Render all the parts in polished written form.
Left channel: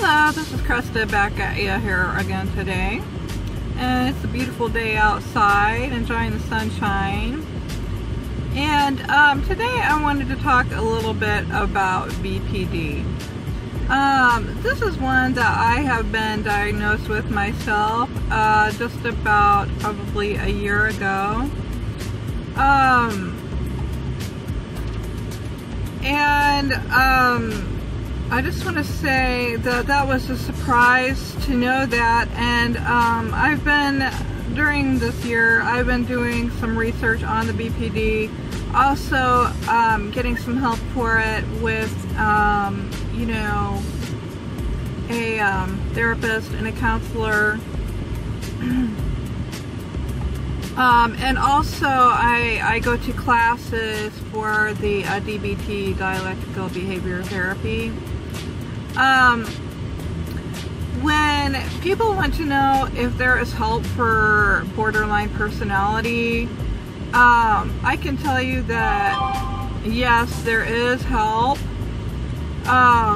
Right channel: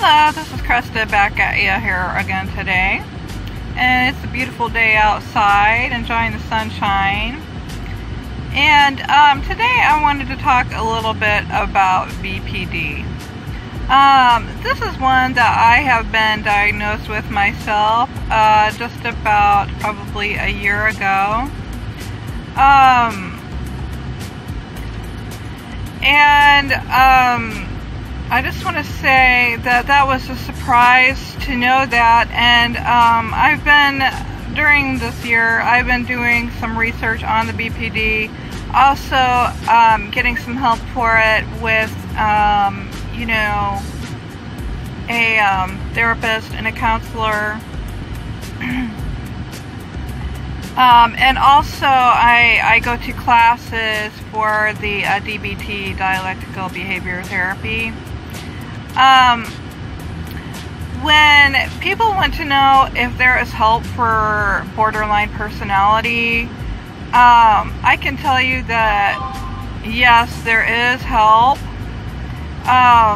Hello, this is Krista back at you here again today. And it's a beautiful day outside, enjoying the sunshine. And today I wanted to talk a little bit about BPD. This is one that I have been diagnosed with myself just about probably a year ago. I just want to say that that was a surprise to know that, and during this year, I've been doing some research on the BPD, also getting some help for it with, you know, a therapist and a counselor. And also I go to classes for the DBT, dialectical behavior therapy. When people want to know if there is help for borderline personality, I can tell you that yes, there is help. I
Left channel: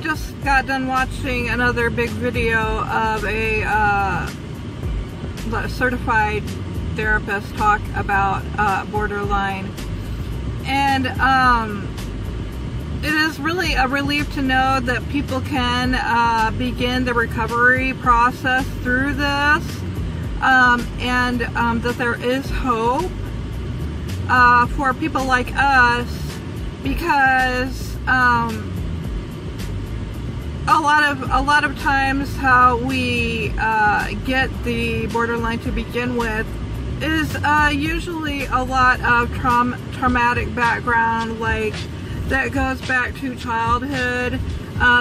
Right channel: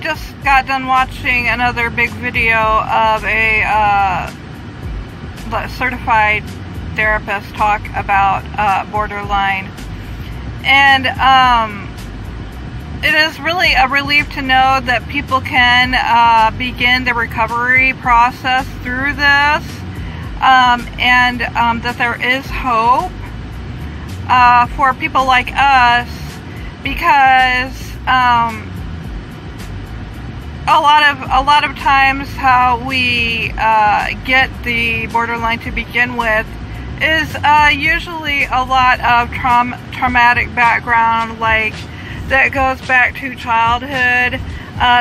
just got done watching another big video of a certified therapist talk about borderline, and it is really a relief to know that people can begin the recovery process through this, and that there is hope for people like us, because a lot of times how we get the borderline to begin with is usually a lot of traumatic background, like that goes back to childhood,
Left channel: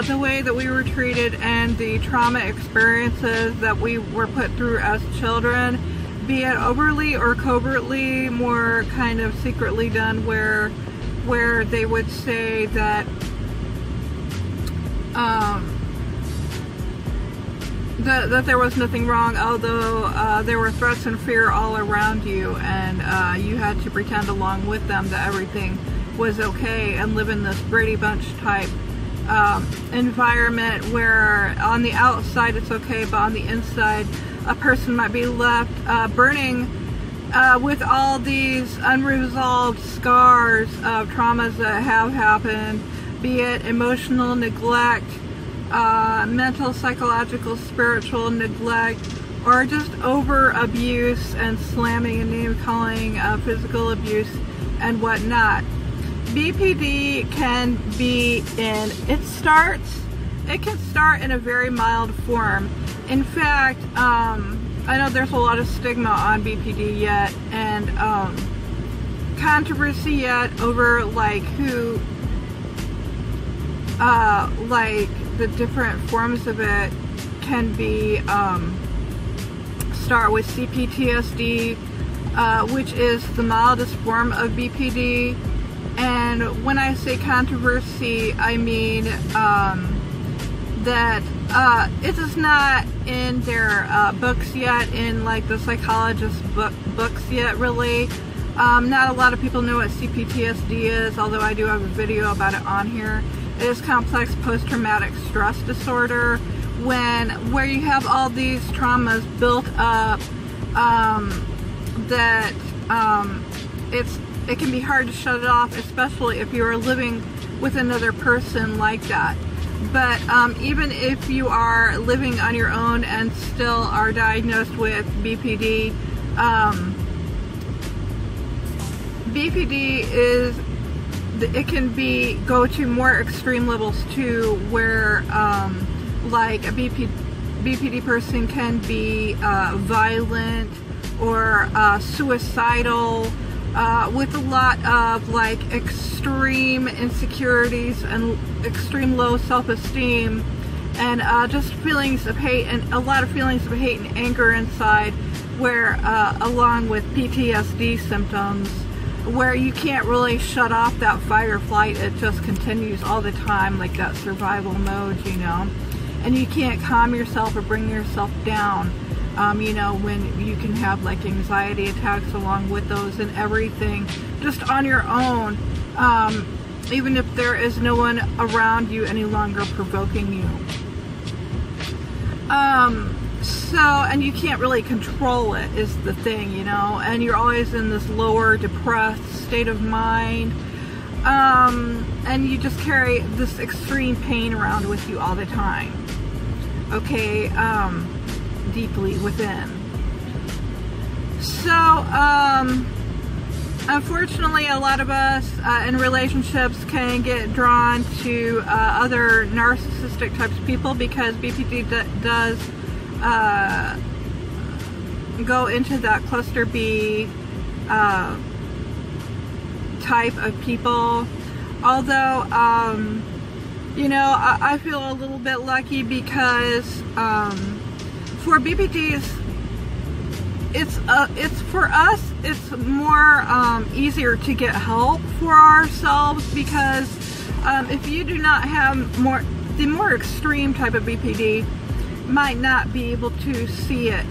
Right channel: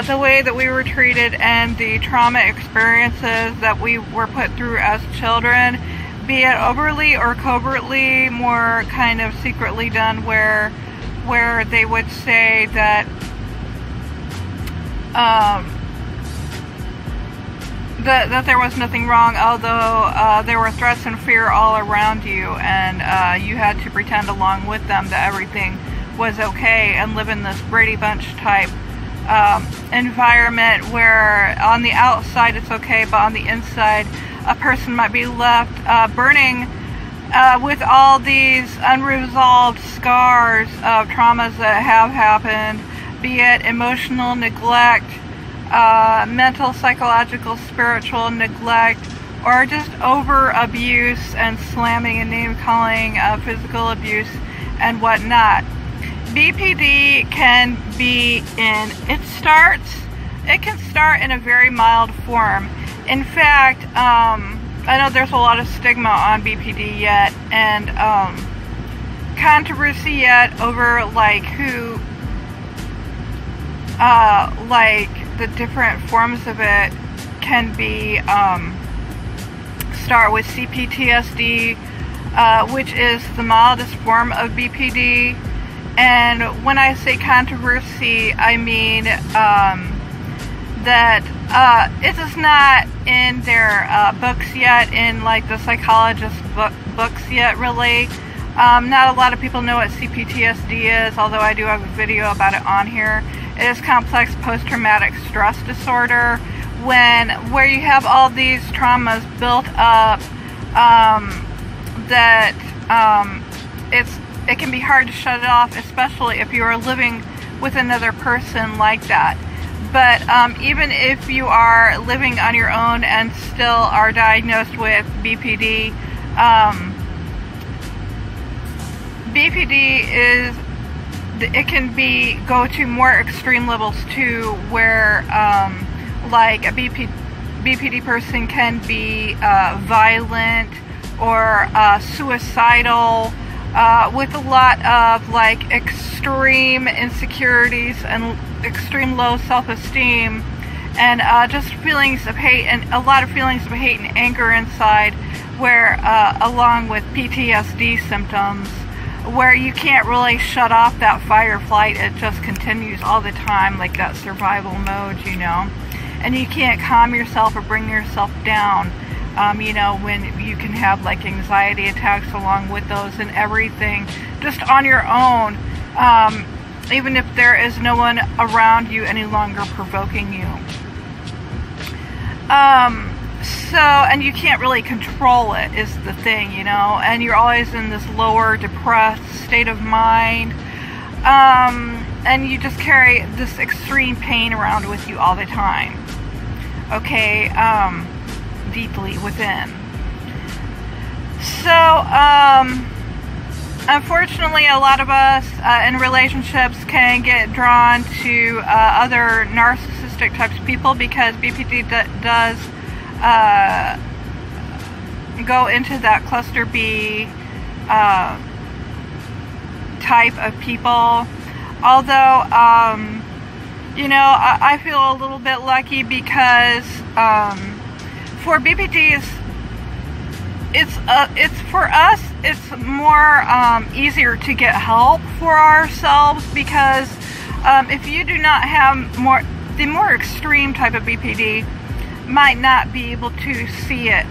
the way that we were treated and the trauma experiences that we were put through as children, be it overtly or covertly, more kind of secretly done, where they would say that that there was nothing wrong, although there were threats and fear all around you, and you had to pretend along with them that everything was okay and live in this Brady Bunch type environment where on the outside it's okay, but on the inside a person might be left burning with all these unresolved scars of traumas that have happened, be it emotional neglect, mental, psychological, spiritual neglect, or just over abuse and slamming and name calling, physical abuse and whatnot. BPD can be it can start in a very mild form. In fact, I know there's a lot of stigma on BPD yet, and controversy yet over like who like the different forms of it can be. Start with CPTSD, which is the mildest form of BPD. And when I say controversy, I mean that it is not in their books yet, in like the psychologist books yet, really. Not a lot of people know what CPTSD is, although I do have a video about it on here. It is complex post-traumatic stress disorder, where you have all these traumas built up, that it can be hard to shut it off, especially if you are living with another person like that. But even if you are living on your own and still are diagnosed with BPD, BPD it can go to more extreme levels too, where like a BPD person can be violent or suicidal, with a lot of like extreme insecurities and extreme low self-esteem, and just feelings of hate, and a lot of feelings of hate and anger inside, where along with PTSD symptoms, where you can't really shut off that fight or flight. It just continues all the time, like that survival mode, you know, and you can't calm yourself or bring yourself down. You know, when you can have like anxiety attacks along with those and everything just on your own. even if there is no one around you any longer provoking you. And you can't really control it is the thing, you know, and you're always in this lower depressed state of mind, and you just carry this extreme pain around with you all the time, okay, deeply within. So, unfortunately, a lot of us in relationships can get drawn to other narcissistic types of people because BPD does go into that cluster B type of people. Although, you know, I feel a little bit lucky because for BPDs, it's for us, it's more easier to get help for ourselves because if you do not have the more extreme type of BPD might not be able to see it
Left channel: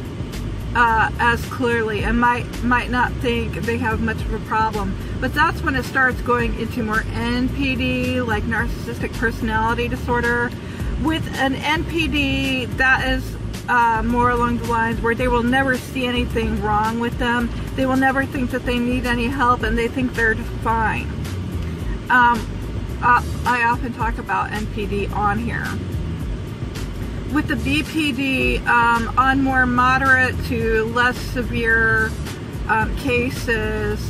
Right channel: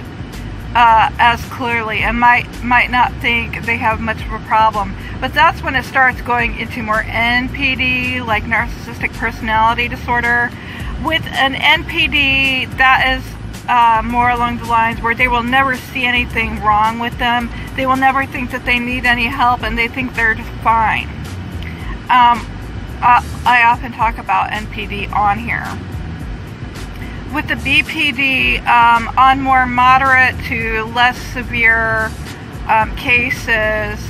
as clearly and might not think they have much of a problem. But that's when it starts going into more NPD, like narcissistic personality disorder. With an NPD, that is more along the lines where they will never see anything wrong with them. They will never think that they need any help, and they think they're just fine. I often talk about NPD on here. With the BPD, on more moderate to less severe cases,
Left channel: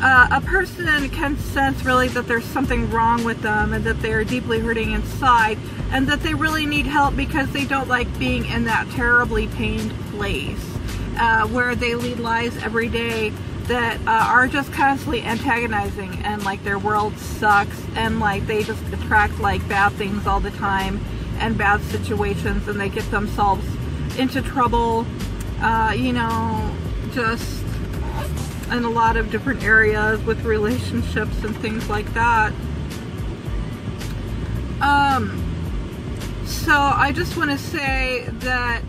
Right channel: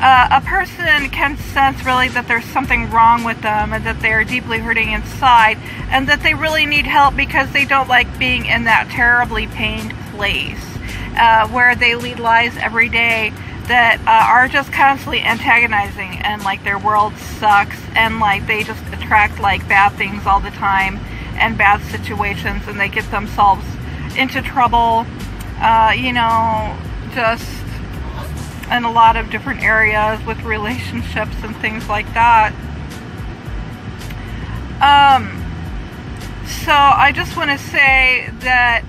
a person can sense really that there's something wrong with them and that they're deeply hurting inside and that they really need help because they don't like being in that terribly pained place where they lead lives every day that are just constantly antagonizing and like their world sucks and like they just attract like bad things all the time and bad situations, and they get themselves into trouble, you know, just in a lot of different areas with relationships and things like that. So I just want to say that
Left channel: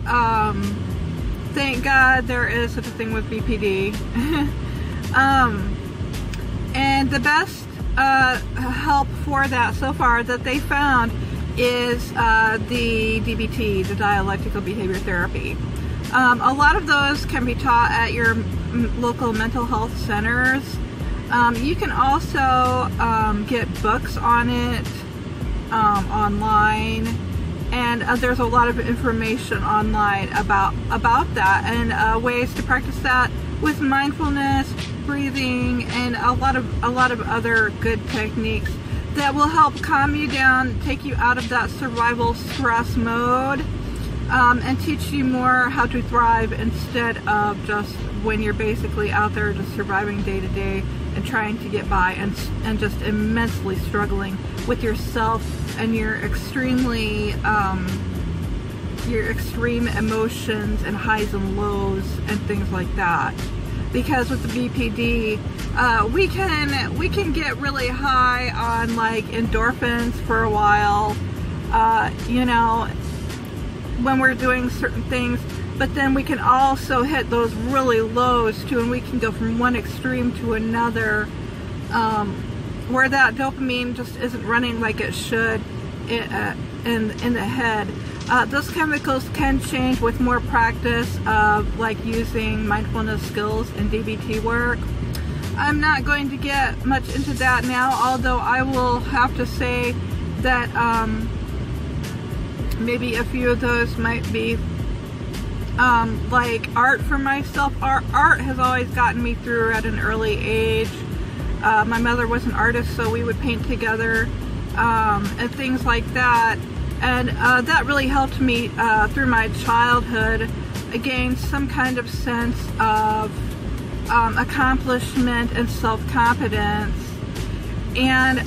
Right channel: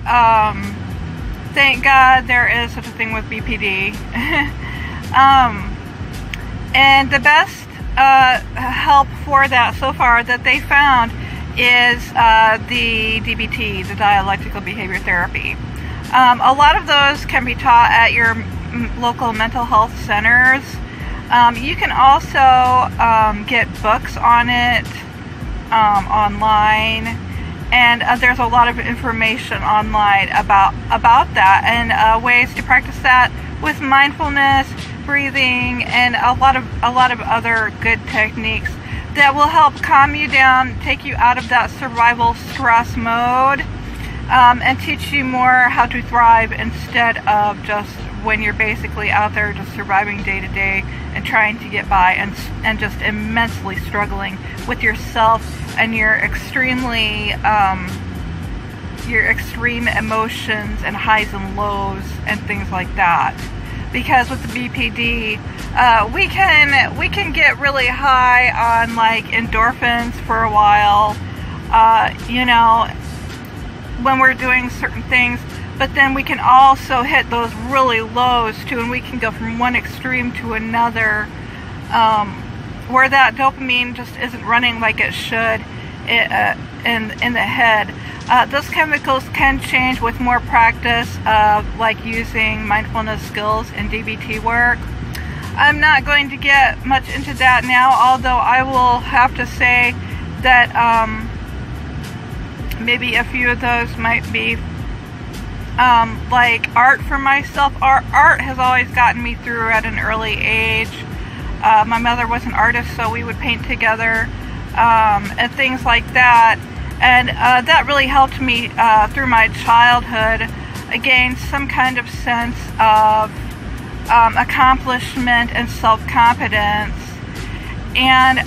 thank God there is such a thing with BPD. And the best help for that so far that they found is the DBT, the dialectical behavior therapy. A lot of those can be taught at your local mental health centers. You can also get books on it online, and there's a lot of information online about that and ways to practice that with mindfulness, breathing, and a lot of other good techniques that will help calm you down, take you out of that survival stress mode, and teach you more how to thrive instead of just when you're basically out there just surviving day to day and trying to get by and just immensely struggling with yourself and your extreme emotions and highs and lows and things like that. Because with the BPD, we can get really high on like endorphins for a while, you know, when we're doing certain things, but then we can also hit those really lows too, and we can go from one extreme to another, where that dopamine just isn't running like it should in the head. Those chemicals can change with more practice of like using mindfulness skills in DBT work. I'm not going to get much into that now, although I will have to say that maybe a few of those might be like art for myself. Art has always gotten me through at an early age. My mother was an artist, so we would paint together and things like that. And that really helped me through my childhood gain some kind of sense of accomplishment and self-confidence. And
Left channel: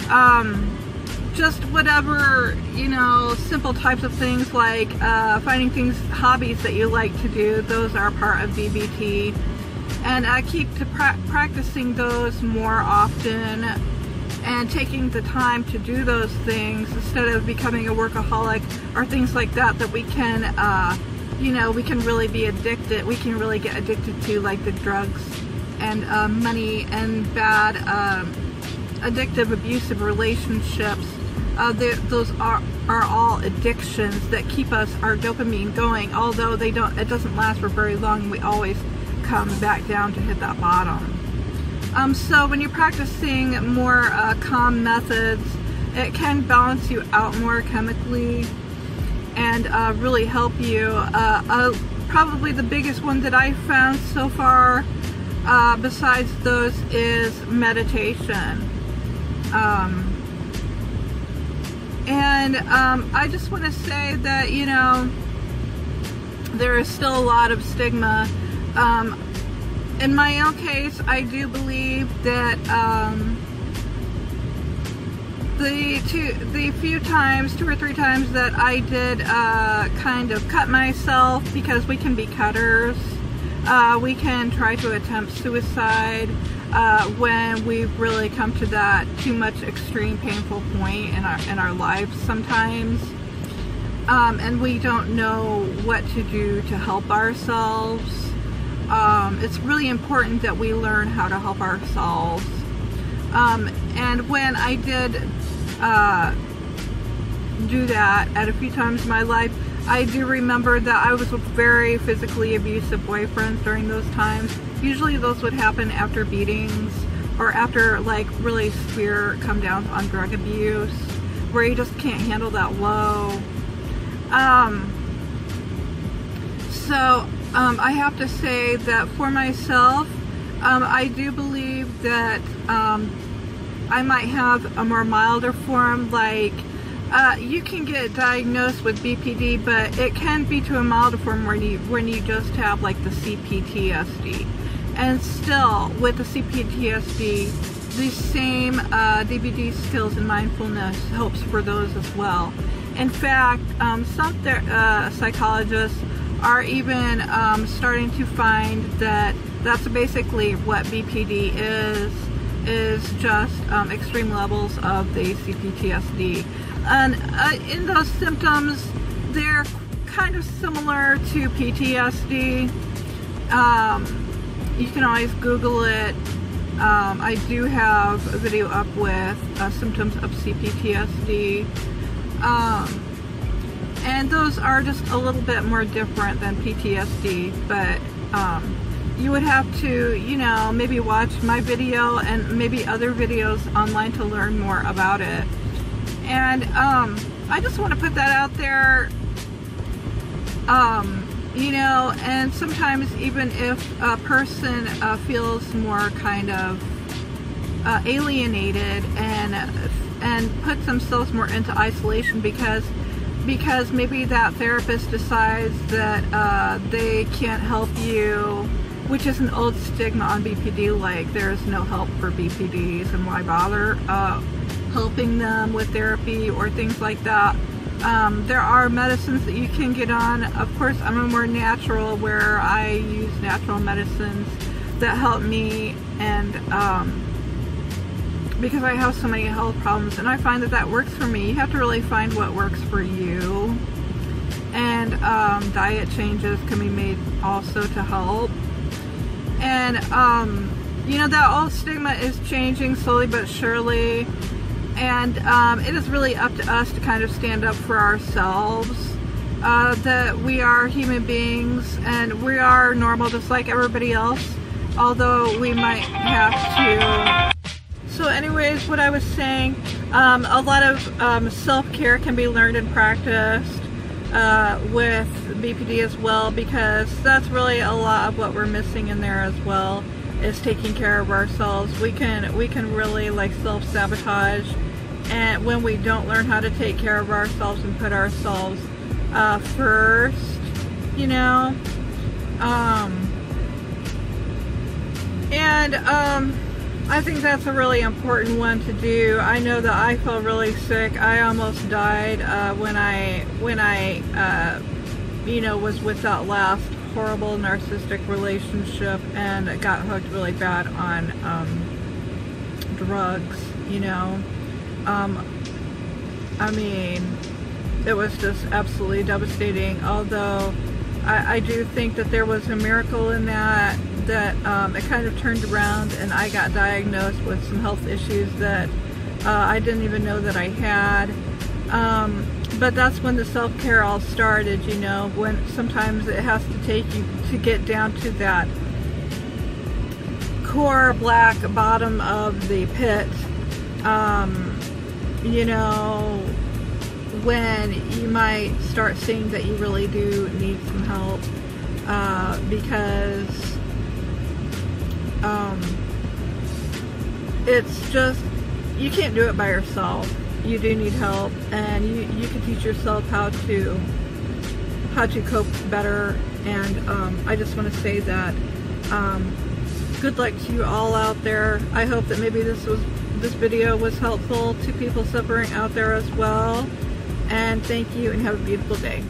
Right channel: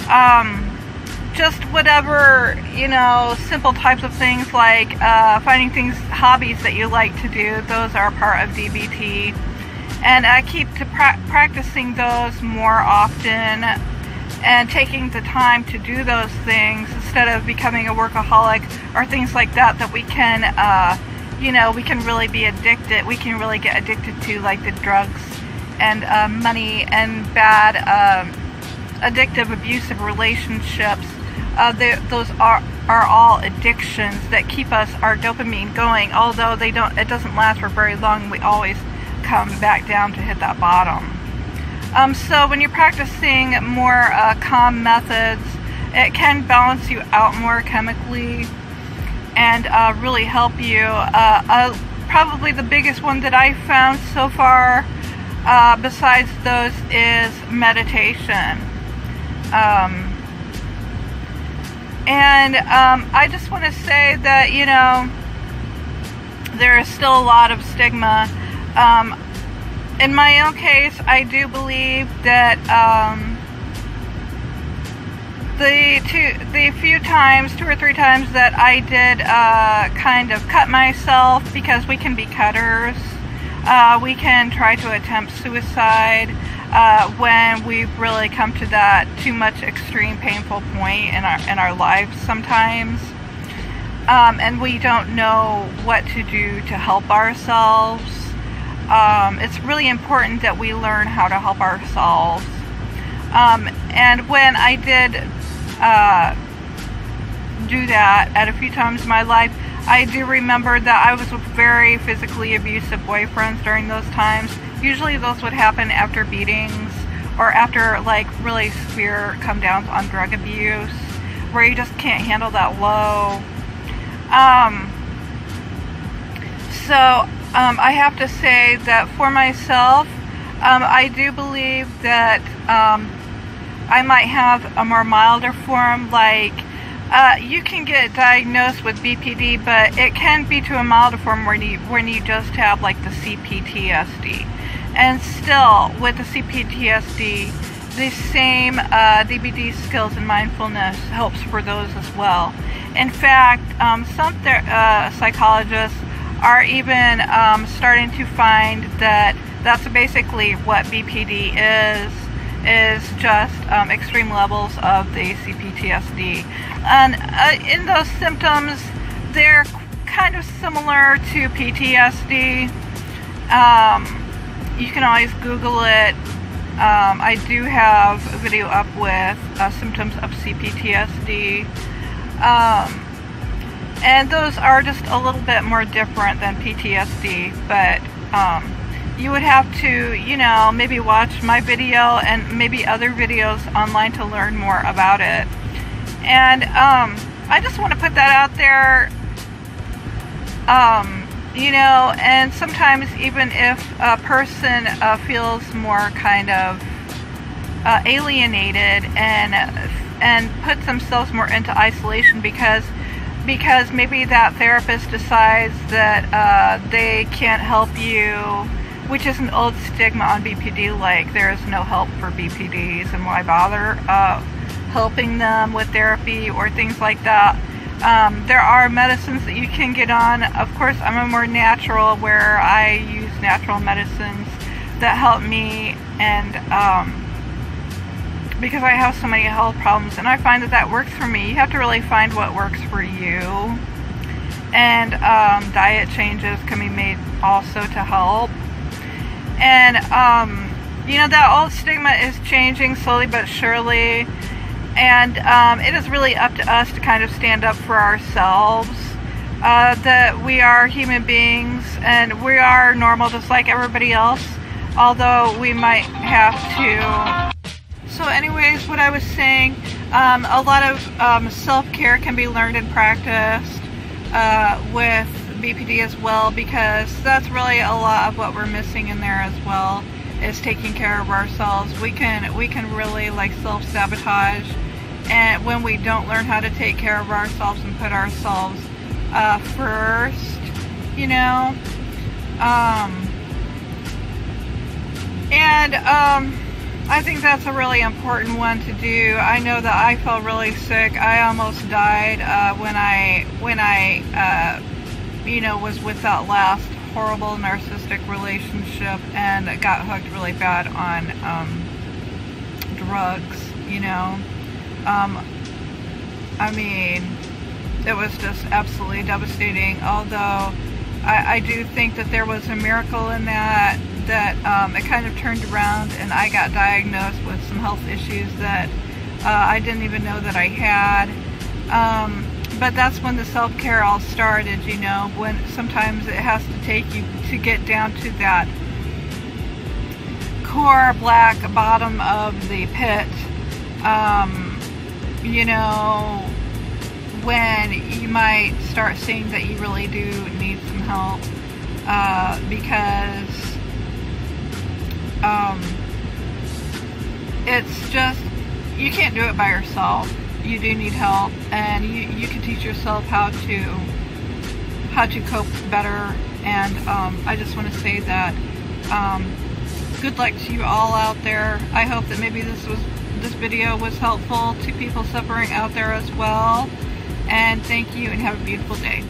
just whatever, you know, simple types of things like finding hobbies that you like to do, those are part of DBT. And I keep practicing those more often and taking the time to do those things instead of becoming a workaholic or things like that we can, you know, we can really be addicted. We can really get addicted to, like the drugs and money and bad addictive, abusive relationships, those are all addictions that keep our dopamine going. Although it doesn't last for very long. We always come back down to hit that bottom. So when you're practicing more calm methods, it can balance you out more chemically and really help you. Probably the biggest one that I found so far, besides those, is meditation. I just want to say that, you know, there is still a lot of stigma. In my own case, I do believe that the few times, 2 or 3 times that I did kind of cut myself, because we can be cutters. We can try to attempt suicide when we've really come to that too much extreme painful point in our lives sometimes. And we don't know what to do to help ourselves. It's really important that we learn how to help ourselves. And when I did do that at a few times in my life, I do remember that I was with very physically abusive boyfriends during those times. Usually those would happen after beatings or after like really severe come downs on drug abuse, where you just can't handle that low. I have to say that for myself, I do believe that I might have a more milder form. Like you can get diagnosed with BPD, but it can be to a milder form when you just have like the CPTSD. And still, with the CPTSD, the same DBT skills and mindfulness helps for those as well. In fact, some psychologists are even starting to find that that's basically what BPD is just extreme levels of the CPTSD. And in those symptoms, they're kind of similar to PTSD. You can always Google it. I do have a video up with symptoms of CPTSD. And those are just a little bit more different than PTSD, but you would have to, you know, maybe watch my video and maybe other videos online to learn more about it. And I just want to put that out there, you know, and sometimes even if a person feels more kind of alienated and puts themselves more into isolation because maybe that therapist decides that they can't help you, which is an old stigma on BPD, like there's no help for BPDs and why bother helping them with therapy or things like that. There are medicines that you can get on. Of course, I'm a more natural, where I use natural medicines that help me, and because I have so many health problems, and I find that works for me. You have to really find what works for you, and diet changes can be made also to help. And you know, that old stigma is changing slowly but surely, and it is really up to us to kind of stand up for ourselves, that we are human beings and we are normal just like everybody else, although we might have to. So anyways, what I was saying, a lot of self-care can be learned and practiced with BPD as well, because that's really a lot of what we're missing in there as well, is taking care of ourselves. We can really like self-sabotage, and when we don't learn how to take care of ourselves and put ourselves first, you know. I think that's a really important one to do. I know that I felt really sick. I almost died when I you know, was with that last horrible narcissistic relationship and got hooked really bad on drugs, you know. I mean, it was just absolutely devastating. Although I do think that there was a miracle in that it kind of turned around and I got diagnosed with some health issues that I didn't even know that I had. But that's when the self-care all started, you know, when sometimes it has to take you to get down to that core black bottom of the pit, you know, when you might start seeing that you really do need some help, because it's just, you can't do it by yourself. You do need help, and you can teach yourself how to cope better. And I just want to say that good luck to you all out there. I hope that maybe this video was helpful to people suffering out there as well. And thank you, and have a beautiful day.